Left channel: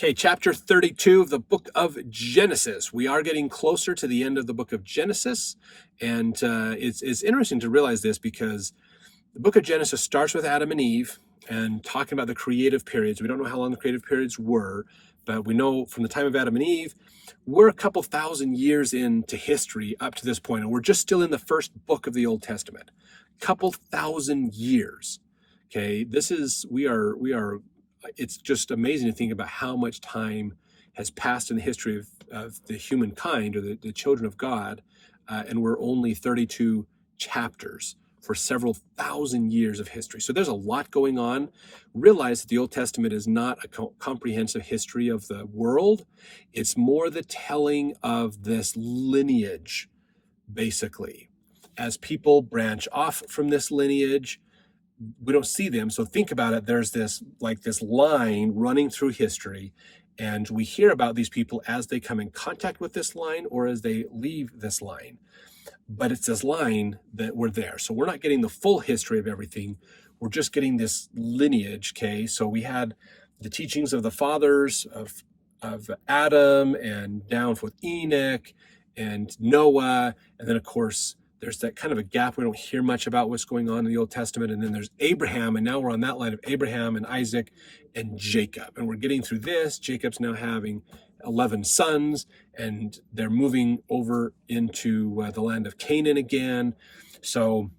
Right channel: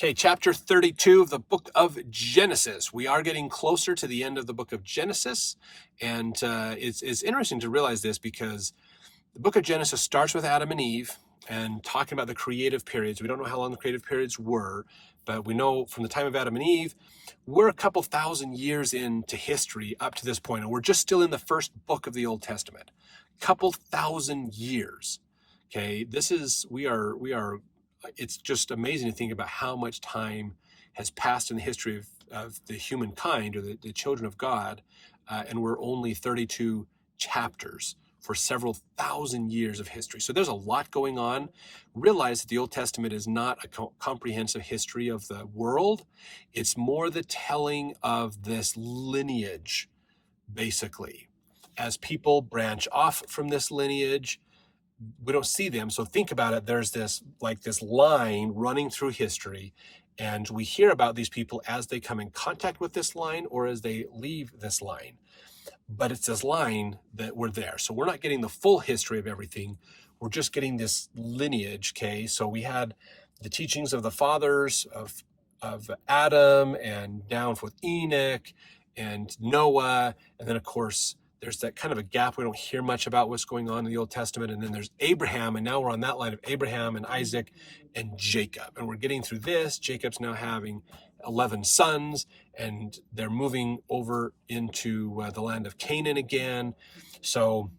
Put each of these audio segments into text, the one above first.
Okay, chapter 32 of the book of Genesis. We are getting closer to the end of the book of Genesis, and it's interesting to realize this because the book of Genesis starts with Adam and Eve and talking about the creative periods. We don't know how long the creative periods were, but we know from the time of Adam and Eve, we're a couple thousand years into history up to this point, and we're just still in the first book of the Old Testament. Couple thousand years. Okay, it's just amazing to think about how much time has passed in the history of the humankind or the children of God, and we're only 32 chapters for several thousand years of history. So there's a lot going on. Realize that the Old Testament is not a comprehensive history of the world. It's more the telling of this lineage, basically. As people branch off from this lineage, we don't see them. So think about it. There's this line running through history, and we hear about these people as they come in contact with this line or as they leave this line. But it's this line that we're there. So we're not getting the full history of everything. We're just getting this lineage, okay? So we had the teachings of the fathers of Adam and down with Enoch and Noah. And then, of course, there's that kind of a gap. We don't hear much about what's going on in the Old Testament. And then there's Abraham, and now we're on that line of Abraham and Isaac and Jacob. And we're getting through this. Jacob's now having 11 sons, and they're moving over into the land of Canaan again. So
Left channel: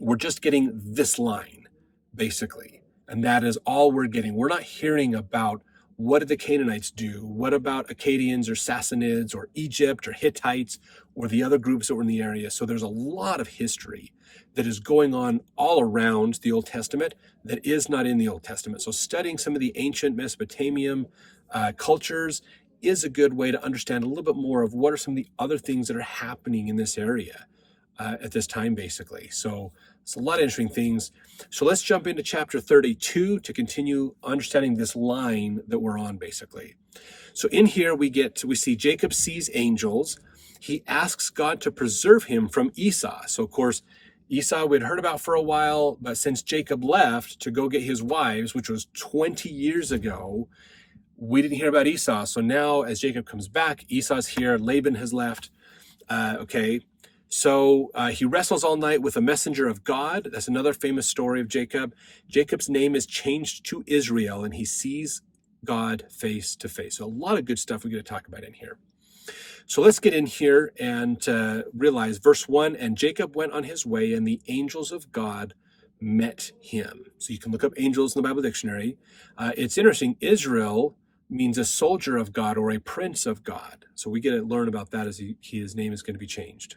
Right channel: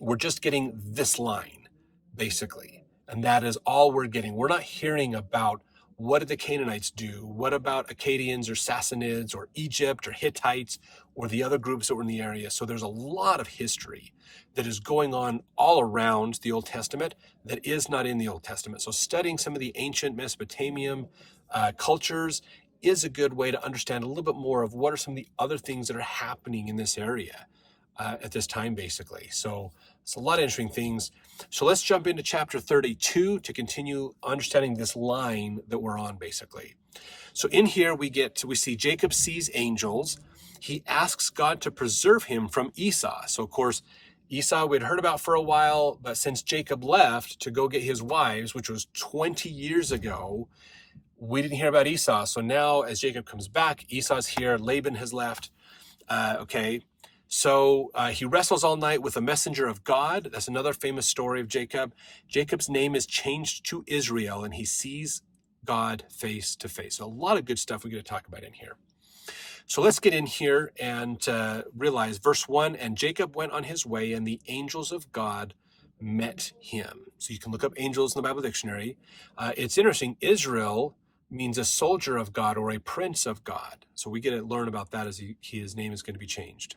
we're just getting this line, basically. And that is all we're getting. We're not hearing about what did the Canaanites do? What about Akkadians or Sassanids or Egypt or Hittites or the other groups that were in the area? So there's a lot of history that is going on all around the Old Testament that is not in the Old Testament. So studying some of the ancient Mesopotamian cultures is a good way to understand a little bit more of what are some of the other things that are happening in this area at this time, basically. So it's a lot of interesting things. So let's jump into chapter 32 to continue understanding this line that we're on, basically. So in here we see Jacob sees angels. He asks God to preserve him from Esau. So of course, Esau we'd heard about for a while, but since Jacob left to go get his wives, which was 20 years ago, we didn't hear about Esau. So now as Jacob comes back, Esau's here, Laban has left. So he wrestles all night with a messenger of God. That's another famous story of Jacob. Jacob's name is changed to Israel, and he sees God face to face. So a lot of good stuff we get to talk about in here. So let's get in here and realize verse 1, and Jacob went on his way, and the angels of God met him. So you can look up angels in the Bible dictionary. It's interesting. Israel means a soldier of God or a prince of God. So we get to learn about that as his name is going to be changed.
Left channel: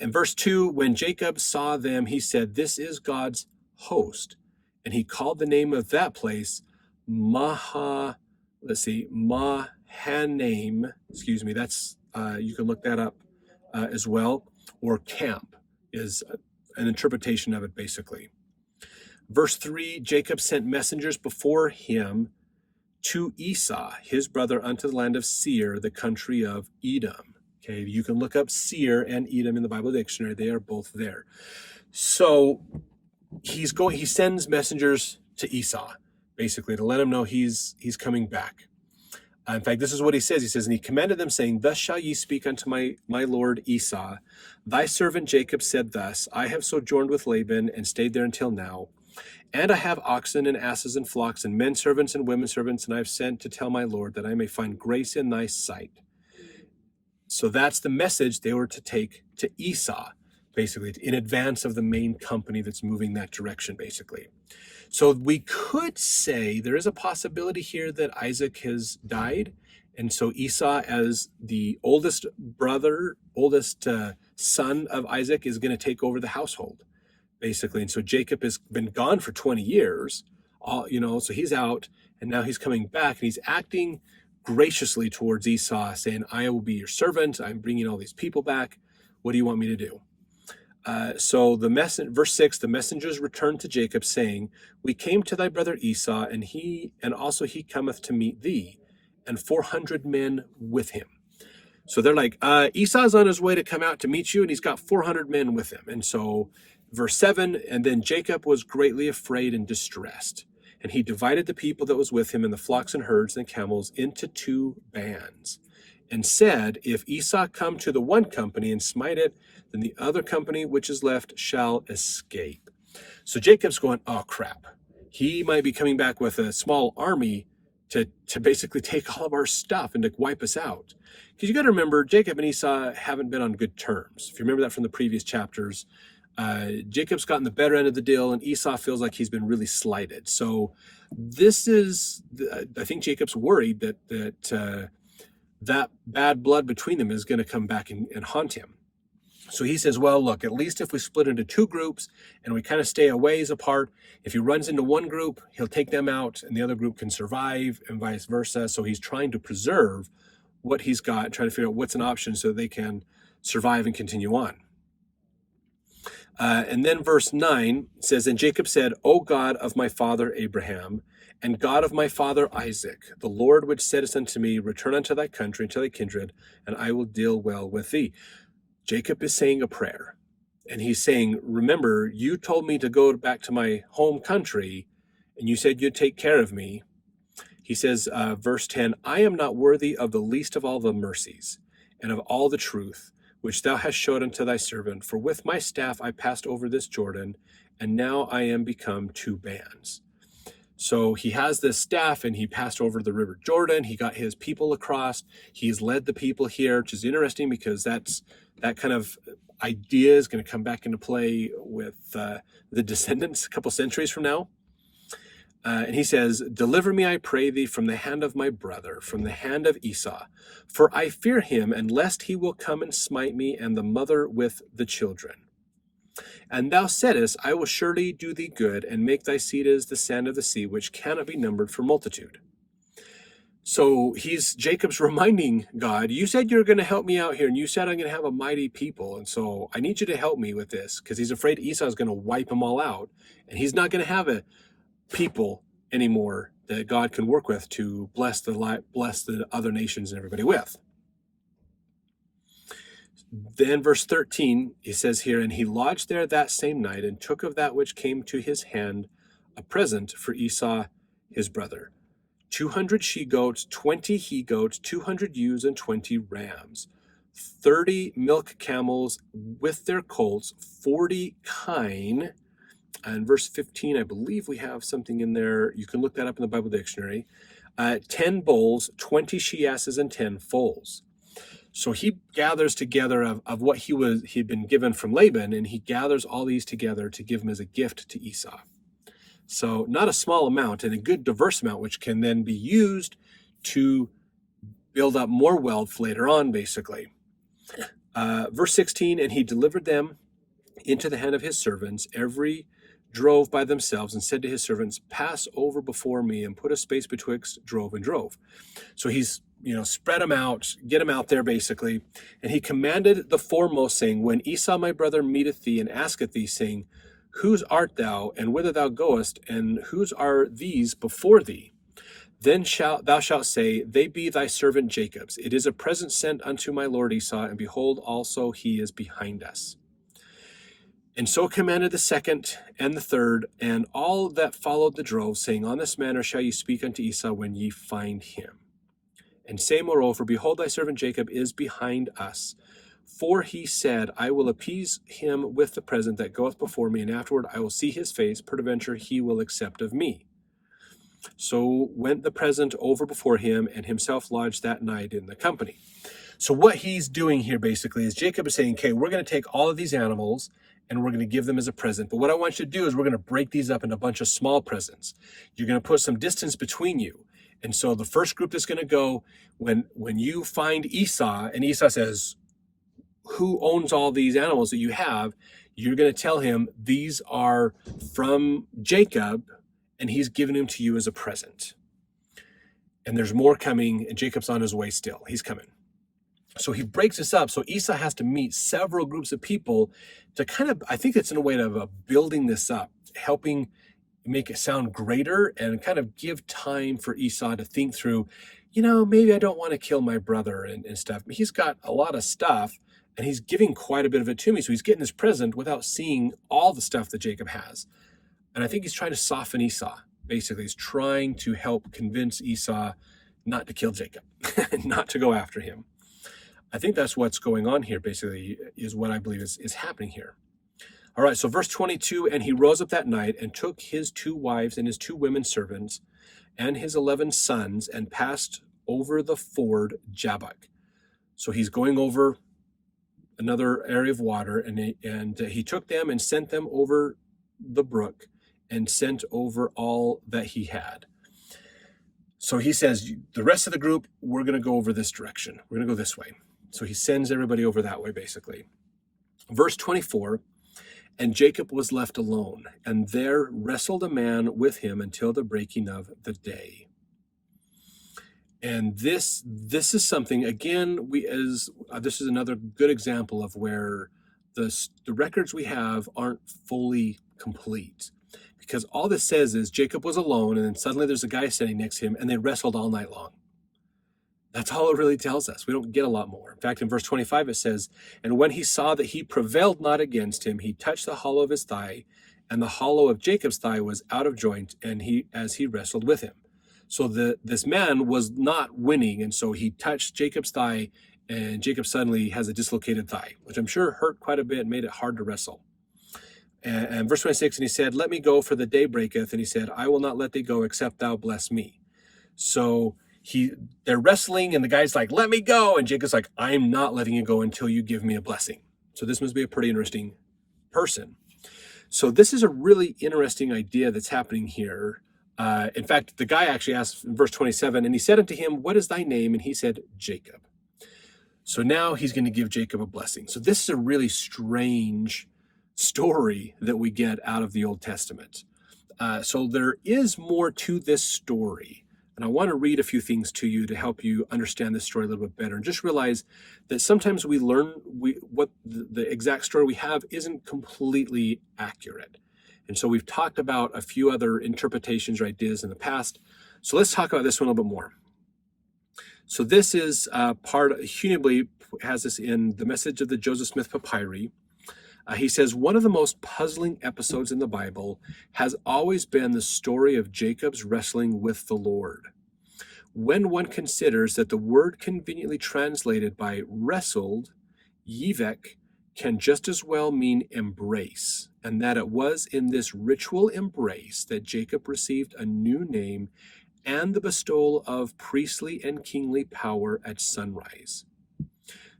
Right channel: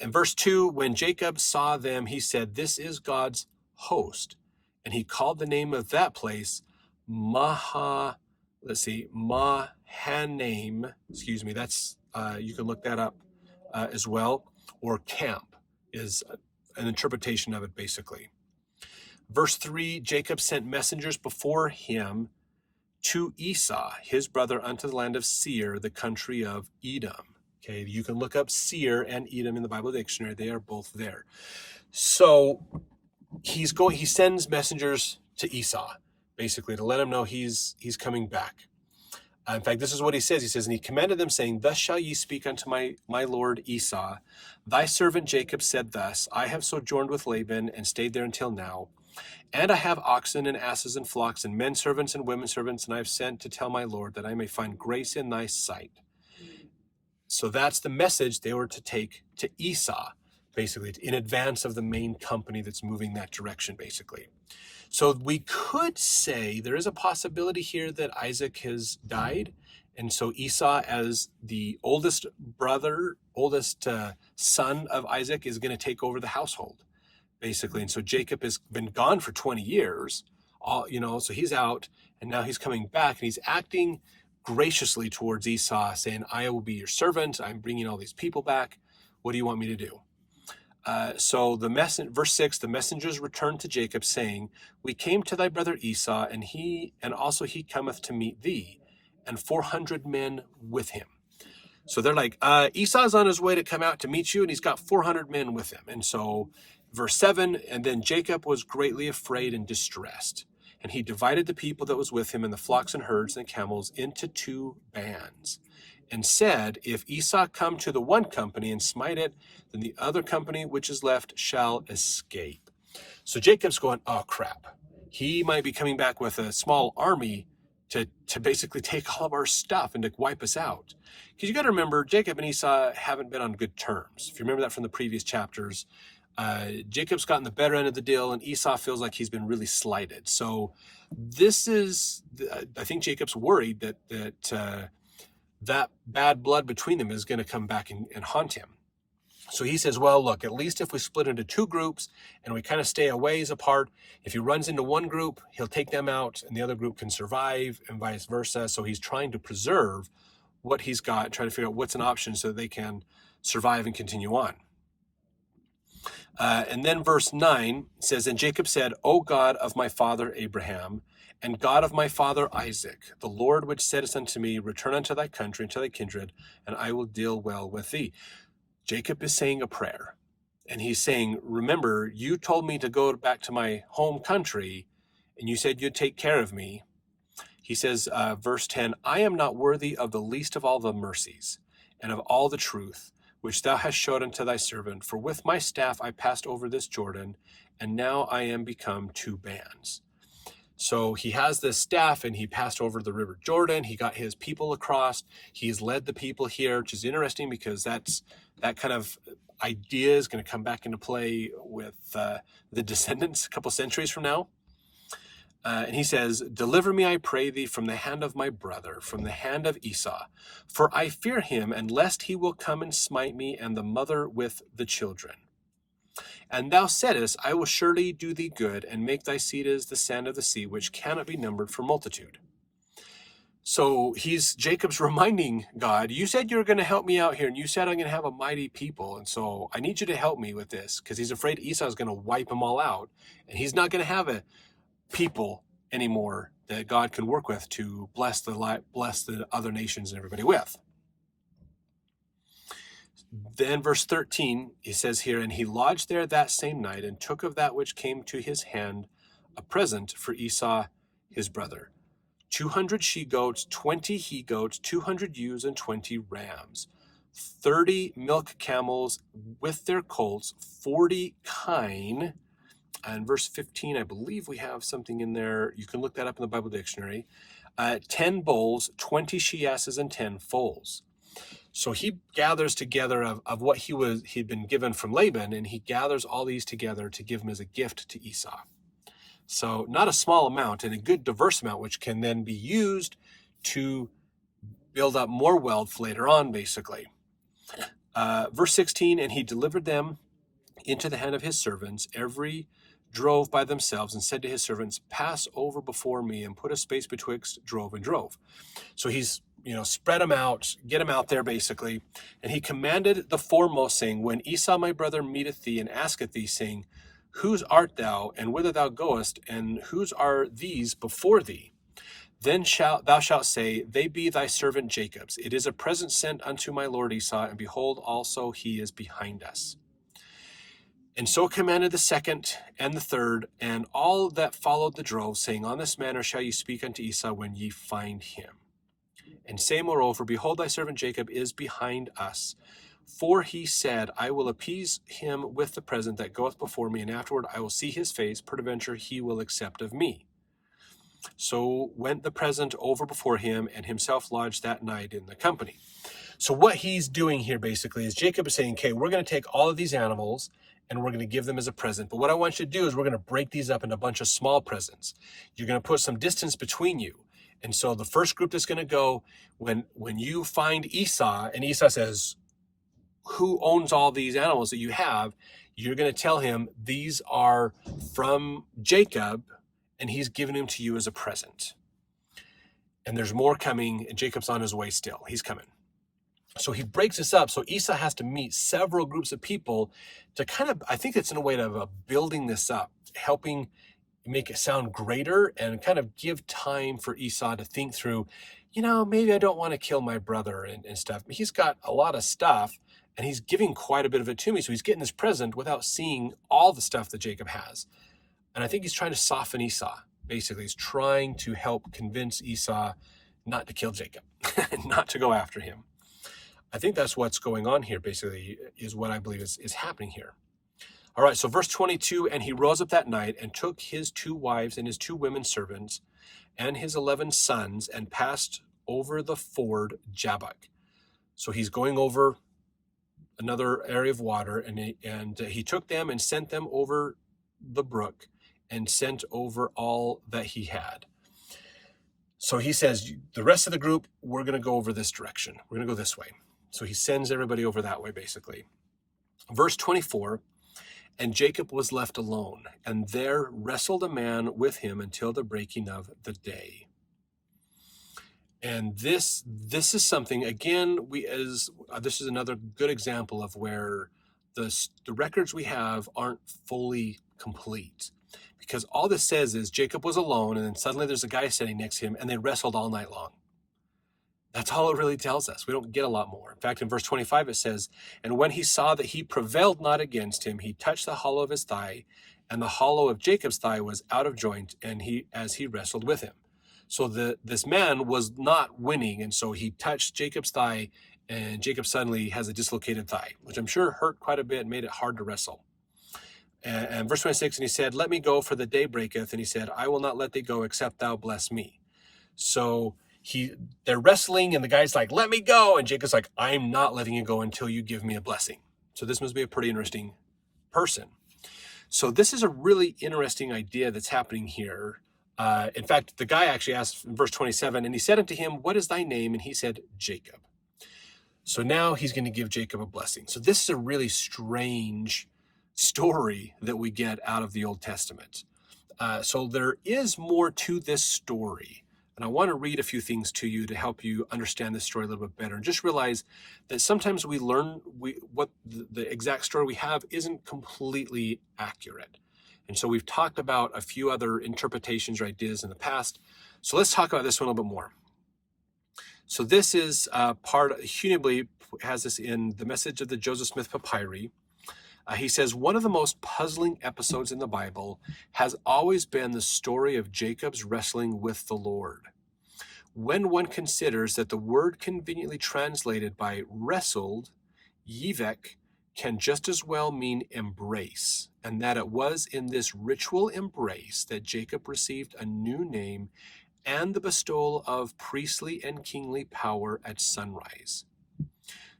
In verse 2, when Jacob saw them, he said, "This is God's host." And he called the name of that place Mahanaim. Excuse me, that's you can look that up as well. Or camp is an interpretation of it, basically. Verse 3, Jacob sent messengers before him to Esau, his brother, unto the land of Seir, the country of Edom. Okay, you can look up Seir and Edom in the Bible dictionary. They are both there. So he sends messengers to Esau, basically, to let him know he's coming back. In fact, this is what he says. He says, and he commanded them, saying, "Thus shall ye speak unto my lord Esau. Thy servant Jacob said thus, I have sojourned with Laban and stayed there until now. And I have oxen and asses and flocks and men servants and women servants, and I have sent to tell my Lord that I may find grace in thy sight." So that's the message they were to take to Esau, basically, in advance of the main company that's moving that direction, basically. So we could say there is a possibility here that Isaac has died. And so Esau, as the oldest son of Isaac, is going to take over the household, basically. And so Jacob has been gone for 20 years, so he's out, and now he's coming back, and he's acting graciously towards Esau, saying, "I will be your servant. I'm bringing all these people back. What do you want me to do?" So verse 6, the messengers returned to Jacob, saying, "We came to thy brother Esau, and he cometh to meet thee, and 400 men with him." So they're like, Esau's on his way to come out to meet you, and he's got 400 men with him. And so verse 7, and then Jacob was greatly afraid and distressed. And he divided the people that was with him and the flocks and herds and camels into 2 bands, and said, if Esau come to the one company and smite it, then the other company which is left shall escape. So Jacob's going, oh crap. He might be coming back with a small army to basically take all of our stuff and to wipe us out. Because you got to remember, Jacob and Esau haven't been on good terms. If you remember that from the previous chapters, Jacob's gotten the better end of the deal, and Esau feels like he's been really slighted. So this is, I think Jacob's worried that bad blood between them is going to come back and haunt him. So he says, well, look, at least if we split into 2 groups and we kind of stay a ways apart, if he runs into one group, he'll take them out and the other group can survive and vice versa. So he's trying to preserve what he's got and trying to figure out what's an option so they can survive and continue on. And then verse 9 says, and Jacob said, O God of my father Abraham, and God of my father Isaac, the Lord which saidst unto me, return unto thy country and to thy kindred, and I will deal well with thee. Jacob is saying a prayer, and he's saying, remember, you told me to go back to my home country, and you said you'd take care of me. He says, verse 10, I am not worthy of the least of all the mercies, and of all the truth, which thou hast showed unto thy servant. For with my staff I passed over this Jordan, and now I am become 2 bands. So he has this staff, and he passed over the river Jordan. He got his people across. He's led the people here, which is interesting because that kind of idea is going to come back into play with the descendants a couple centuries from now. And he says, deliver me, I pray thee, from the hand of my brother, from the hand of Esau. For I fear him, and lest he will come and smite me and the mother with the children. And thou saidest, I will surely do thee good, and make thy seed as the sand of the sea, which cannot be numbered for multitude. So Jacob's reminding God, you said you were going to help me out here, and you said I'm going to have a mighty people, and so I need you to help me with this, because he's afraid Esau is going to wipe them all out, and he's not going to have a people anymore that God can work with to bless the other nations and everybody with. Then verse 13, he says here, and he lodged there that same night, and took of that which came to his hand a present for Esau his brother, 200 she-goats, 20 he-goats, 200 ewes, and 20 rams, 30 milk camels with their colts, 40 kine. And verse 15, I believe we have something in there. You can look that up in the Bible dictionary. 10 bulls, 20 she-asses, and 10 foals. So he gathers together of what he'd been given from Laban, and he gathers all these together to give him as a gift to Esau. So not a small amount, and a good diverse amount, which can then be used to build up more wealth later on, basically. Verse 16, and he delivered them into the hand of his servants. Every drove by themselves, and said to his servants, pass over before me, and put a space betwixt drove and drove. So he's spread them out, get them out there basically. And he commanded the foremost, saying, when Esau my brother meeteth thee and asketh thee, saying, whose art thou, and whither thou goest, and whose are these before thee? Then thou shalt say, they be thy servant Jacob's. It is a present sent unto my lord Esau, and behold, also he is behind us. And so commanded the second and the third, and all that followed the drove, saying, on this manner shall ye speak unto Esau when ye find him. And say moreover, behold, thy servant Jacob is behind us. For he said, I will appease him with the present that goeth before me, and afterward I will see his face, peradventure he will accept of me. So went the present over before him, and himself lodged that night in the company. So what he's doing here basically is Jacob is saying, okay, we're going to take all of these animals, and we're going to give them as a present. But what I want you to do is we're going to break these up into a bunch of small presents. You're going to put some distance between you. And so the first group that's going to go, when you find Esau, and Esau says, who owns all these animals that you have? You're going to tell him these are from Jacob, and he's giving them to you as a present. And there's more coming, and Jacob's on his way still. He's coming. So he breaks this up. So Esau has to meet several groups of people to kind of, I think it's in a way of building this up, helping make it sound greater, and kind of give time for Esau to think through, maybe I don't want to kill my brother and stuff. He's got a lot of stuff, and he's giving quite a bit of it to me. So he's getting this present without seeing all the stuff that Jacob has. And I think he's trying to soften Esau. basically is trying to help convince Esau not to kill Jacob, not to go after him. I think that's what's going on here, basically, is what I believe is happening here. All right, so verse 22, and he rose up that night and took his 2 wives and his 2 women servants and his 11 sons and passed over the ford Jabbok. So he's going over another area of water, and he took them and sent them over the brook and sent over all that he had. So he says, the rest of the group, we're going to go over this direction. We're going to go this way. So he sends everybody over that way, basically. Verse 24, and Jacob was left alone, and there wrestled a man with him until the breaking of the day. And this is something, again, this is another good example of where the records we have aren't fully complete. Because all this says is Jacob was alone, and then suddenly there's a guy sitting next to him, and they wrestled all night long. That's all it really tells us. We don't get a lot more. In fact, in verse 25, it says, and when he saw that he prevailed not against him, he touched the hollow of his thigh, and the hollow of Jacob's thigh was out of joint, and as he wrestled with him. So this man was not winning, and so he touched Jacob's thigh, and Jacob suddenly has a dislocated thigh, which I'm sure hurt quite a bit and made it hard to wrestle. And verse 26, and he said, let me go, for the day breaketh. And he said, I will not let thee go, except thou bless me. So they're wrestling, and the guy's like, let me go. And Jacob's like, I'm not letting you go until you give me a blessing. So this must be a pretty interesting person. So this is a really interesting idea that's happening here. In fact, the guy actually asked in verse 27, and he said unto him, what is thy name? And he said, Jacob. So now he's going to give Jacob a blessing. So this is a really strange story that we get out of the Old Testament. So there is more to this story. And I want to read a few things to you to help you understand this story a little bit better. And just realize that sometimes we learn what the exact story we have isn't completely accurate. And so we've talked about a few other interpretations or ideas in the past. So let's talk about this one a little bit more. So this is Hunebly has this in the Message of the Joseph Smith Papyri. He says, one of the most puzzling episodes in the Bible has always been the story of Jacob's wrestling with the Lord. When one considers that the word conveniently translated by wrestled, yivek, can just as well mean embrace, and that it was in this ritual embrace that Jacob received a new name and the bestowal of priestly and kingly power at sunrise.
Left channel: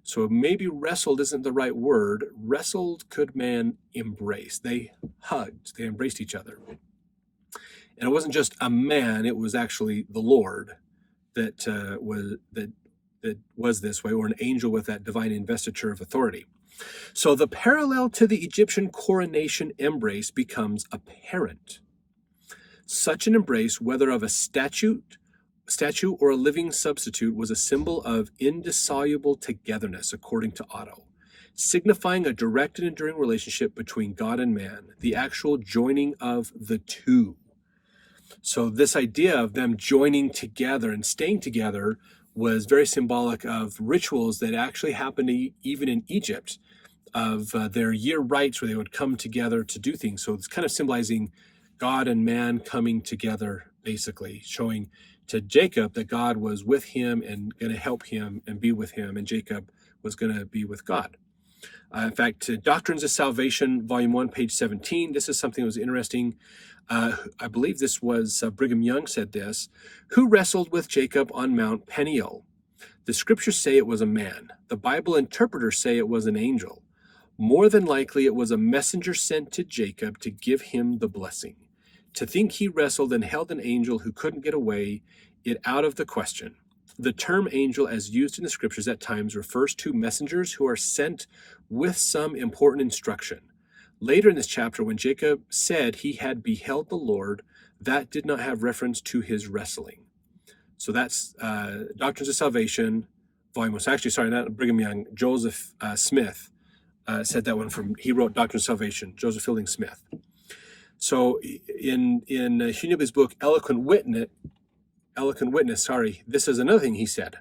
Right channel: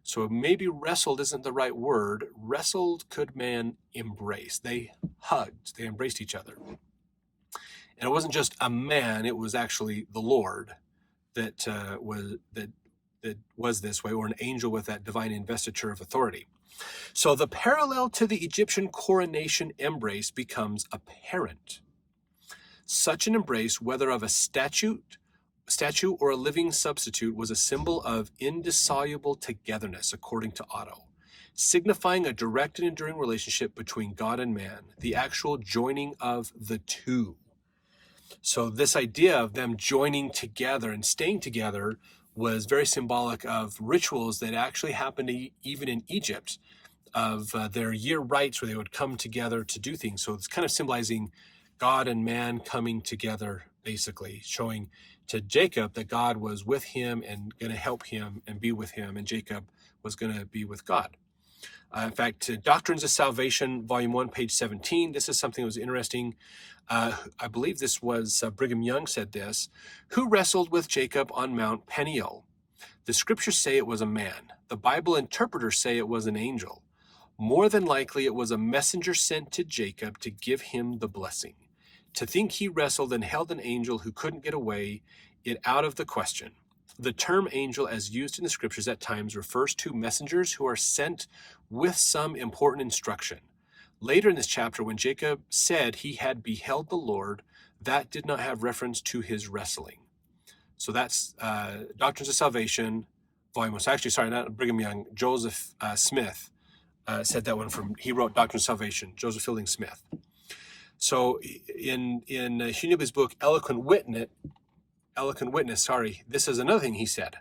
So maybe wrestled isn't the right word. Wrestled could mean embrace. They hugged. They embraced each other. And it wasn't just a man. It was actually the Lord that was this way, or an angel with that divine investiture of authority. So the parallel to the Egyptian coronation embrace becomes apparent. Such an embrace, whether of a statue or a living substitute, was a symbol of indissoluble togetherness, according to Otto, signifying a direct and enduring relationship between God and man, the actual joining of the two. So this idea of them joining together and staying together was very symbolic of rituals that actually happened even in Egypt, of their year rites where they would come together to do things. So it's kind of symbolizing God and man coming together, basically showing to Jacob that God was with him and going to help him and be with him, and Jacob was going to be with God. In fact, Doctrines of Salvation, Volume 1, page 17, this is something that was interesting. I believe this was Brigham Young said this. Who wrestled with Jacob on Mount Peniel? The scriptures say it was a man. The Bible interpreters say it was an angel. More than likely, it was a messenger sent to Jacob to give him the blessing. To think he wrestled and held an angel who couldn't get away, it out of the question. The term angel, as used in the scriptures at times, refers to messengers who are sent with some important instruction. Later in this chapter, when Jacob said he had beheld the Lord, that did not have reference to his wrestling. So that's Doctrines of Salvation, Volume 1. Actually, sorry, not Brigham Young, Joseph Smith said that one he wrote Doctrine of Salvation, Joseph Fielding Smith. So in Hunebly's book, Eloquent Witness, this is another thing he said.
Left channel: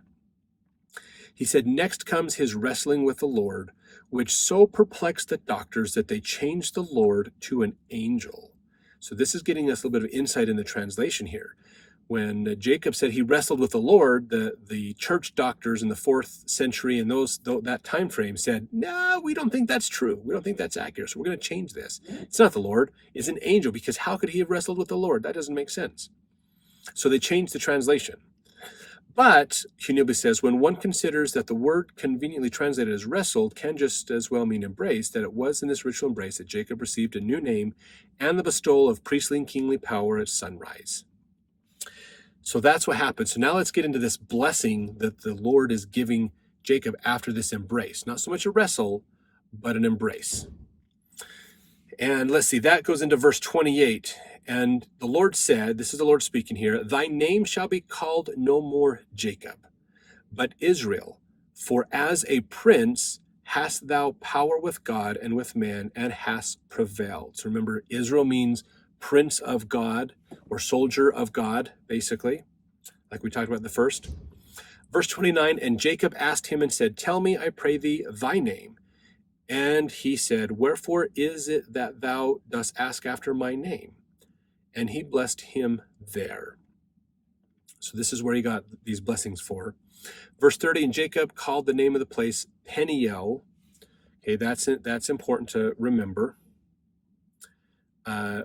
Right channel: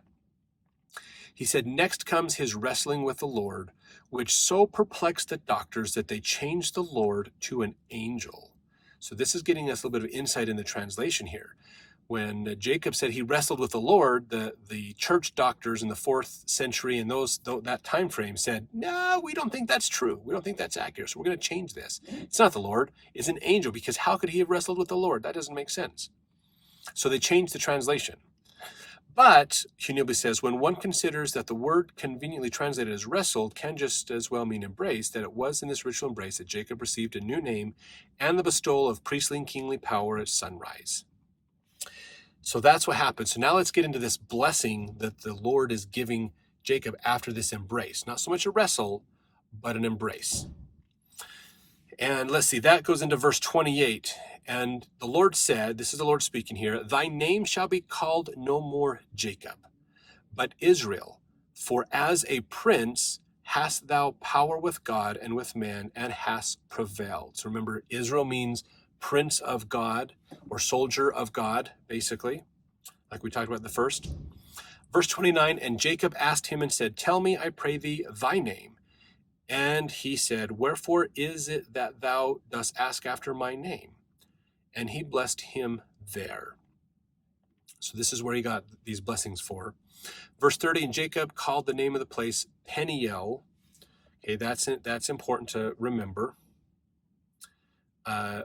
He said, next comes his wrestling with the Lord, which so perplexed the doctors that they changed the Lord to an angel. So this is getting us a little bit of insight in the translation here. When Jacob said he wrestled with the Lord, the church doctors in the 4th century and that time frame said, no, we don't think that's true. We don't think that's accurate. So we're going to change this. It's not the Lord. It's an angel, because how could he have wrestled with the Lord? That doesn't make sense. So they changed the translation. But, Hunilby says, when one considers that the word conveniently translated as wrestled can just as well mean embrace, that it was in this ritual embrace that Jacob received a new name and the bestowal of priestly and kingly power at sunrise. So that's what happened. So now let's get into this blessing that the Lord is giving Jacob after this embrace. Not so much a wrestle, but an embrace. And let's see, that goes into verse 28. And the Lord said, this is the Lord speaking here, thy name shall be called no more Jacob, but Israel. For as a prince hast thou power with God and with man, and hast prevailed. So remember, Israel means prince of God, or soldier of God, basically, like we talked about in the first. Verse 29, and Jacob asked him and said, tell me, I pray thee, thy name. And he said, wherefore is it that thou dost ask after my name? And he blessed him there. So this is where he got these blessings for. Verse 30, and Jacob called the name of the place Peniel. Okay, that's important to remember.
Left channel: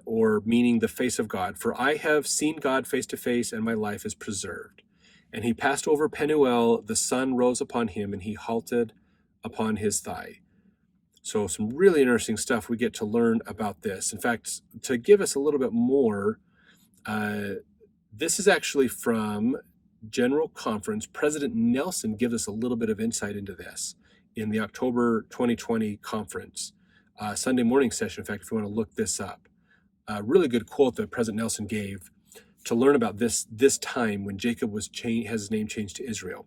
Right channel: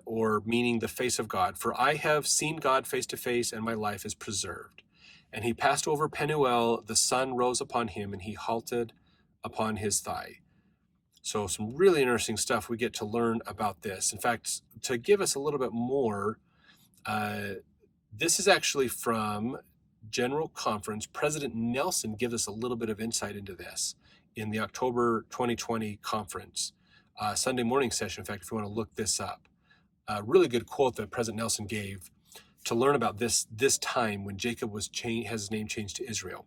Or meaning the face of God. For I have seen God face to face, and my life is preserved. And he passed over Penuel, the sun rose upon him, and he halted upon his thigh. So some really interesting stuff we get to learn about this. In fact, to give us a little bit more, this is actually from General Conference. President Nelson gives us a little bit of insight into this in the October 2020 conference, Sunday morning session. In fact, if you want to look this up. A really good quote that President Nelson gave to learn about this time when Jacob has his name changed to Israel.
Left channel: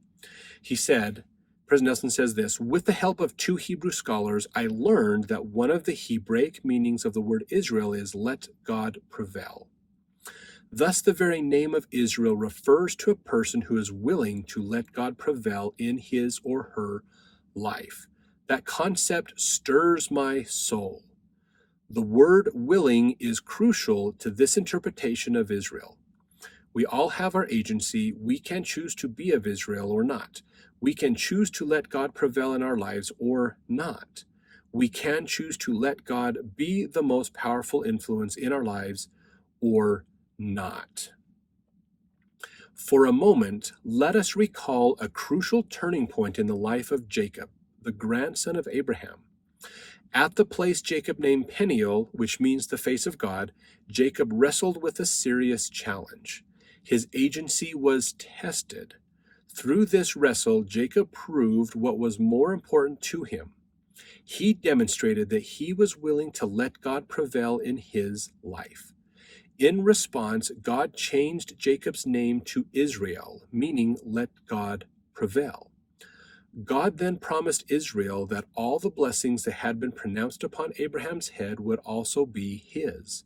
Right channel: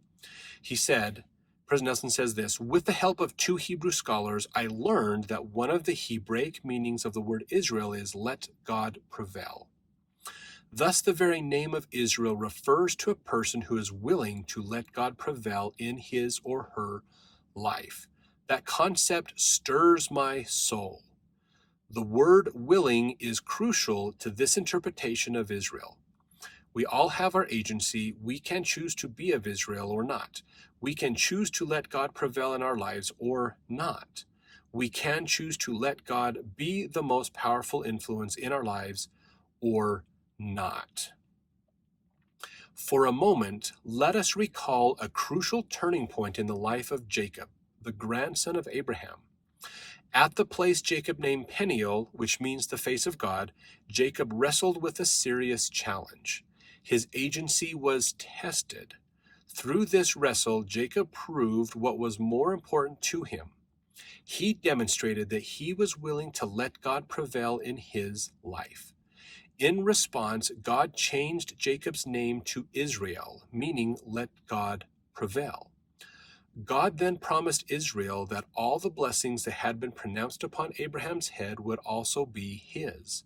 He said, President Nelson says this, with the help of 2 Hebrew scholars, I learned that one of the Hebraic meanings of the word Israel is let God prevail. Thus, the very name of Israel refers to a person who is willing to let God prevail in his or her life. That concept stirs my soul. The word willing is crucial to this interpretation of Israel. We all have our agency. We can choose to be of Israel or not. We can choose to let God prevail in our lives or not. We can choose to let God be the most powerful influence in our lives or not. For a moment, let us recall a crucial turning point in the life of Jacob, the grandson of Abraham. At the place Jacob named Peniel, which means the face of God, Jacob wrestled with a serious challenge. His agency was tested. Through this wrestle, Jacob proved what was more important to him. He demonstrated that he was willing to let God prevail in his life. In response, God changed Jacob's name to Israel, meaning let God prevail. God then promised Israel that all the blessings that had been pronounced upon Abraham's head would also be his.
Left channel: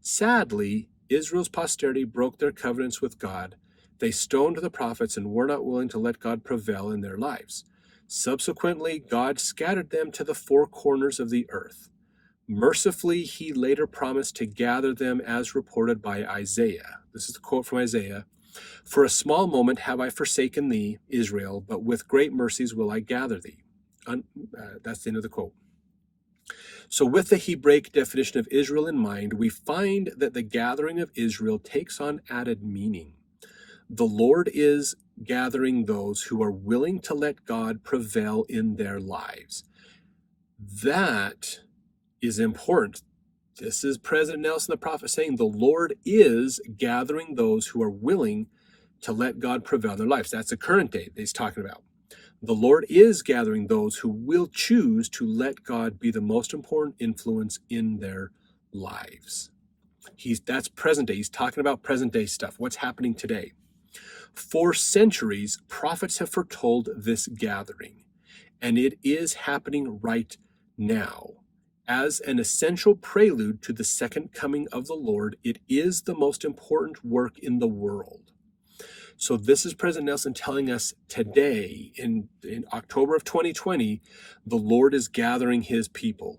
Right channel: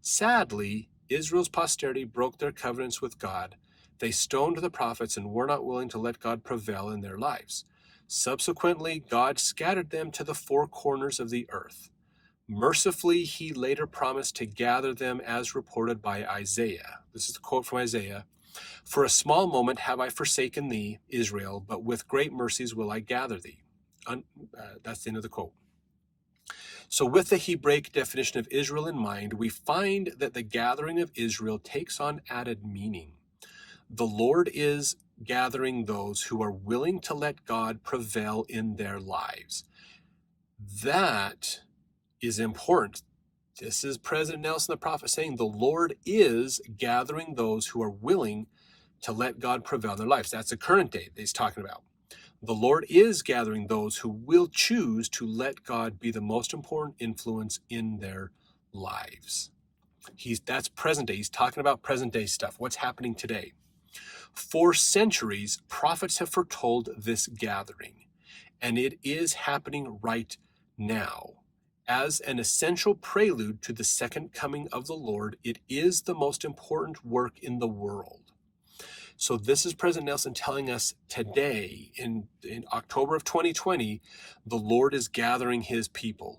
Sadly, Israel's posterity broke their covenants with God. They stoned the prophets and were not willing to let God prevail in their lives. Subsequently, God scattered them to the 4 corners of the earth. Mercifully, he later promised to gather them as reported by Isaiah. This is the quote from Isaiah. For a small moment have I forsaken thee, Israel, but with great mercies will I gather thee. That's the end of the quote. So with the Hebraic definition of Israel in mind, we find that the gathering of Israel takes on added meaning. The Lord is gathering those who are willing to let God prevail in their lives. That is important. This is President Nelson, the prophet, saying the Lord is gathering those who are willing to let God prevail in their lives. That's the current day that he's talking about. The Lord is gathering those who will choose to let God be the most important influence in their lives. That's present day. He's talking about present day stuff. What's happening today? For centuries, prophets have foretold this gathering, and it is happening right now. As an essential prelude to the second coming of the Lord, it is the most important work in the world. So this is President Nelson telling us today, in October of 2020, the Lord is gathering his people.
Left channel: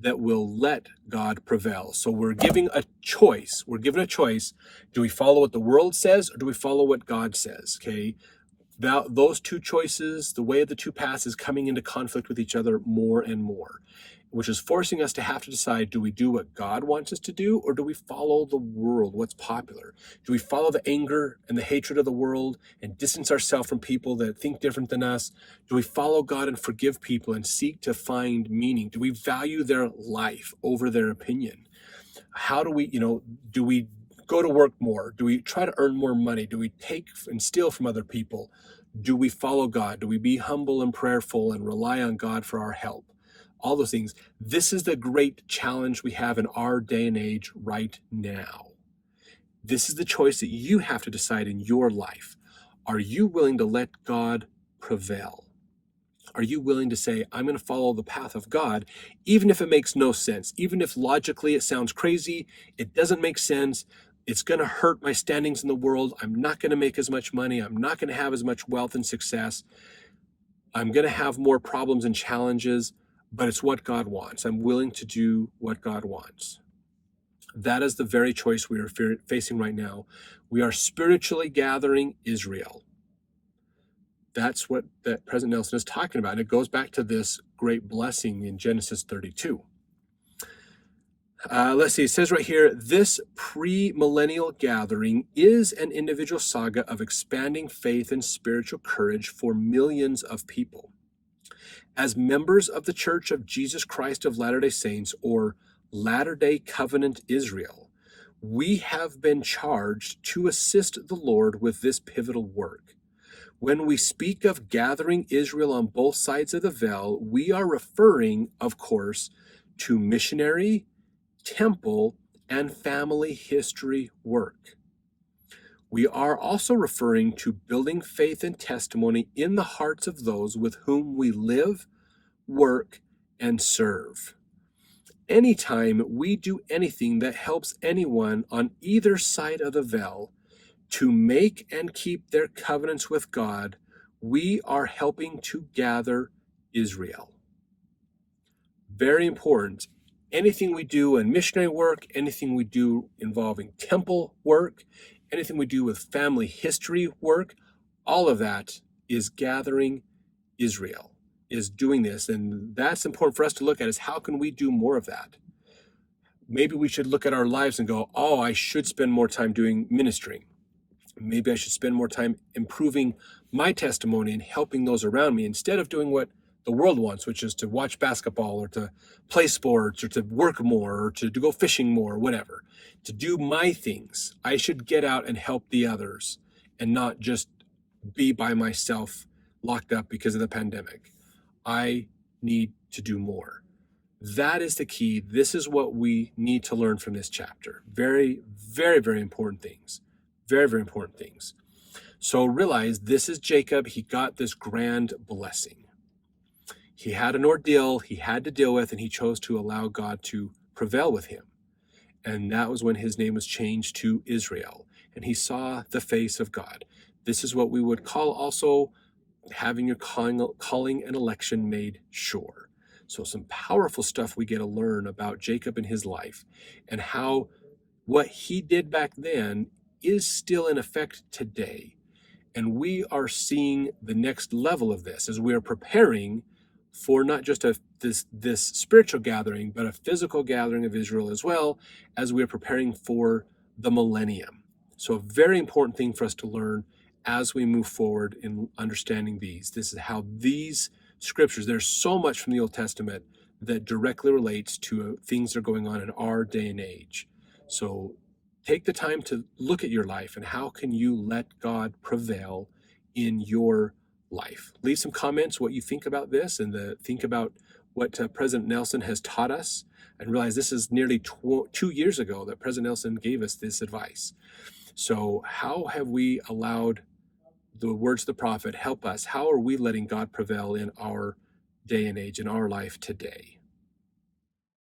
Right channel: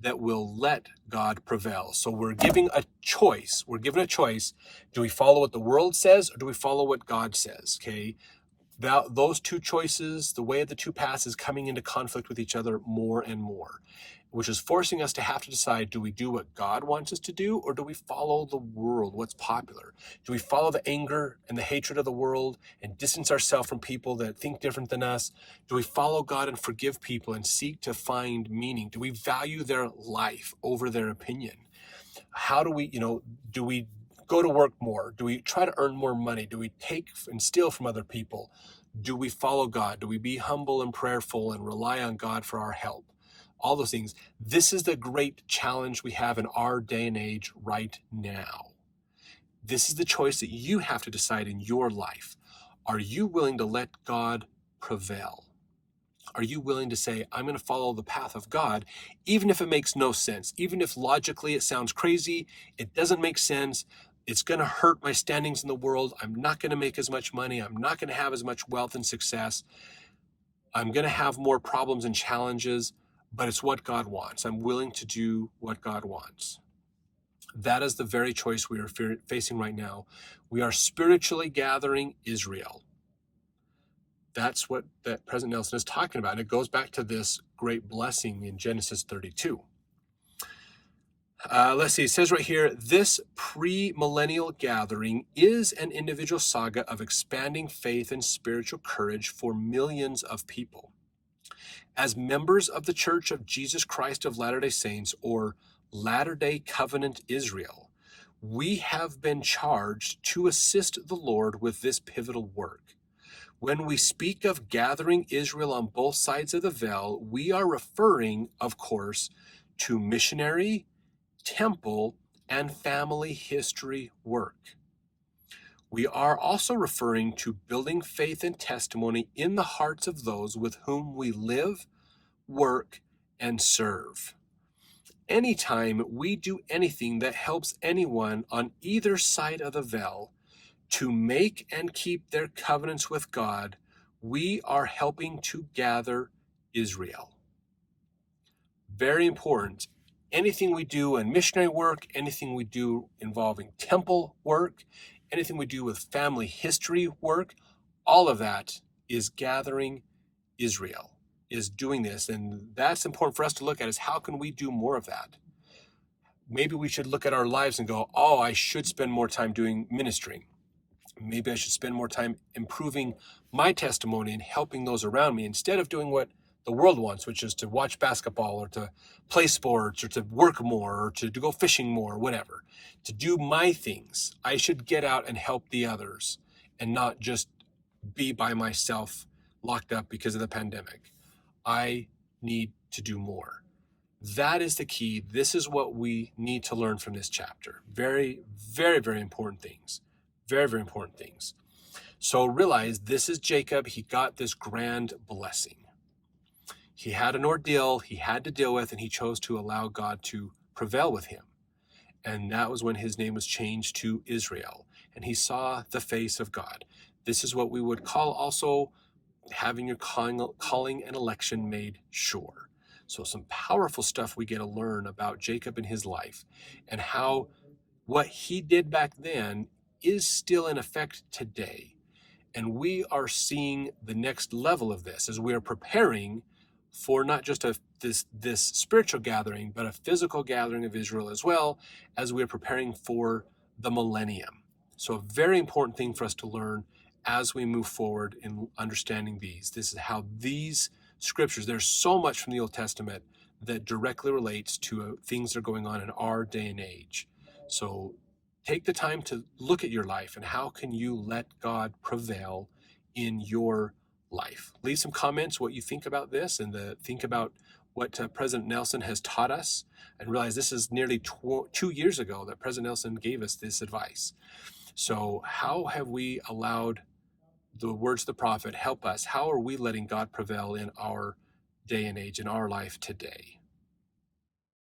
that will let God prevail. So we're giving a choice. We're given a choice. Do we follow what the world says, or do we follow what God says? Okay. Those two choices, the way of the two paths, is coming into conflict with each other more and more, which is forcing us to have to decide, do we do what God wants us to do, or do we follow the world, what's popular? Do we follow the anger and the hatred of the world and distance ourselves from people that think different than us? Do we follow God and forgive people and seek to find meaning? Do we value their life over their opinion? How do we, do we go to work more? Do we try to earn more money? Do we take and steal from other people? Do we follow God? Do we be humble and prayerful and rely on God for our help? All those things. This is the great challenge we have in our day and age right now. This is the choice that you have to decide in your life. Are you willing to let God prevail? Are you willing to say, I'm going to follow the path of God, even if it makes no sense, even if logically it sounds crazy, it doesn't make sense, it's going to hurt my standings in the world, I'm not going to make as much money, I'm not going to have as much wealth and success, I'm going to have more problems and challenges, but it's what God wants. I'm willing to do what God wants. That is the very choice we are facing right now. We are spiritually gathering Israel. That's what that President Nelson is talking about. And it goes back to this great blessing in Genesis 32. Let's see, it says right here, this pre-millennial gathering is an individual saga of expanding faith and spiritual courage for millions of people. As members of the Church of Jesus Christ of Latter-day Saints, or Latter-day Covenant Israel, we have been charged to assist the Lord with this pivotal work. When we speak of gathering Israel on both sides of the veil, we are referring, of course, to missionary, temple, and family history work. We are also referring to building faith and testimony in the hearts of those with whom we live, work, and serve. Anytime we do anything that helps anyone on either side of the veil to make and keep their covenants with God, we are helping to gather Israel. Very important. Anything we do in missionary work, anything we do involving temple work, anything we do with family history work, all of that is gathering Israel, is doing this. And that's important for us to look at, is how can we do more of that? Maybe we should look at our lives and go, oh, I should spend more time doing ministry. Maybe I should spend more time improving my testimony and helping those around me instead of doing what the world wants, which is to watch basketball or to play sports or to work more or to go fishing more or whatever. To do my things, I should get out and help the others and not just be by myself locked up because of the pandemic. I need to do more. That is the key. This is what we need to learn from this chapter. Very, very, very important things. Very, very important things. So realize this is Jacob. He got this grand blessing. He had an ordeal he had to deal with, and he chose to allow God to prevail with him. And that was when his name was changed to Israel. And he saw the face of God. This is what we would call also having your calling and election made sure. So some powerful stuff we get to learn about Jacob and his life, and how what he did back then is still in effect today. And we are seeing the next level of this as we are preparing for not just this spiritual gathering, but a physical gathering of Israel as well, as we are preparing for the millennium. So a very important thing for us to learn as we move forward in understanding these. This is how these scriptures, there's so much from the Old Testament that directly relates to things that are going on in our day and age. So take the time to look at your life and how can you let God prevail in your life. Leave some comments what you think about this, and think about what President Nelson has taught us, and realize this is nearly 2 years ago that President Nelson gave us this advice. So how have we allowed the words of the prophet help us? How are we letting God prevail in our day and age, in our life today?